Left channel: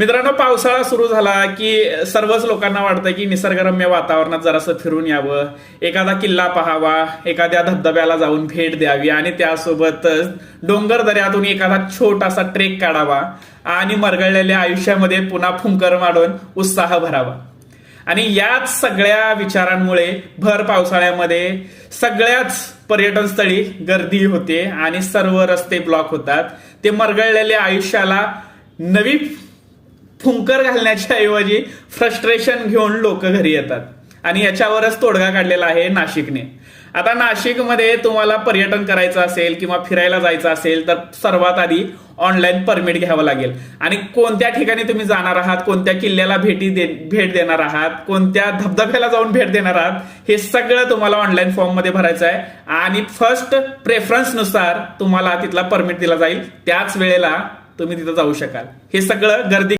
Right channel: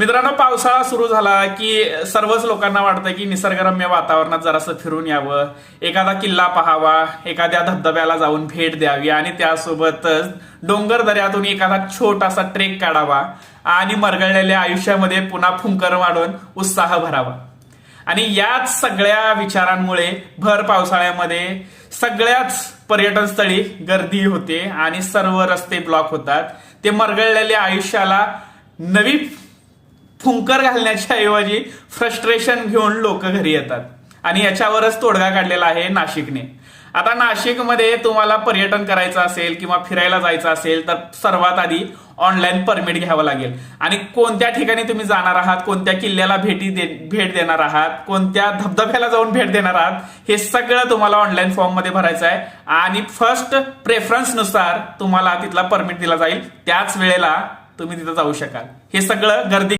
मित्रांनो, पावसाळा सुरू झाला की सर्वच लोकांना वाटतं की निसर्गरम्य वातावरणात जरासं फिरून यावं, एखादा किल्ला पाहावा, एखाद्या धबधब्याला जाऊन भेट द्यावी आणि त्यासोबतच डोंगर दऱ्यातून एखादा छोटासा ट्रेक काढावा आणि मरगळलेल्या आयुष्यामध्ये पुन्हा फुंकर मारून उत्साह भरावा. आणि याच सगळ्या विचारांमुळे भर पावसाळ्यामध्ये सगळ्याच पर्यटन स्थळी गर्दी होते आणि सर्व रस्ते ब्लॉक होतात. ते मरगळलेल्या आयुष्याला नवी फुंकर घालण्याच्या ऐवजी फ्रस्ट्रेशन घेऊन लोक घरी येतात आणि याच्यावरच तोडगा काढलेला आहे नाशिकने. आता नाशिकमध्ये तुम्हाला पर्यटन करायचं असेल किंवा फिरायला जायचं असेल तर सर्वात आधी ऑनलाईन परमिट घ्यावं लागेल. आणि कोणत्या ठिकाणी तुम्ही जाणार आहात, कोणत्या किल्ल्याला भेट देणार आहात, कोणत्या धबधब्याला जाऊन भेट देणार आहात, हे सगळं तुम्हाला ऑनलाईन फॉर्म मध्ये भरायचं आहे. आणि फर्स्ट प्रेफरन्स नुसार तुम्हाला तिथला परमिट दिला जाईल, त्याच वेळेला तुम्ही तिथं जाऊ शकाल. हे सगळं गर्दी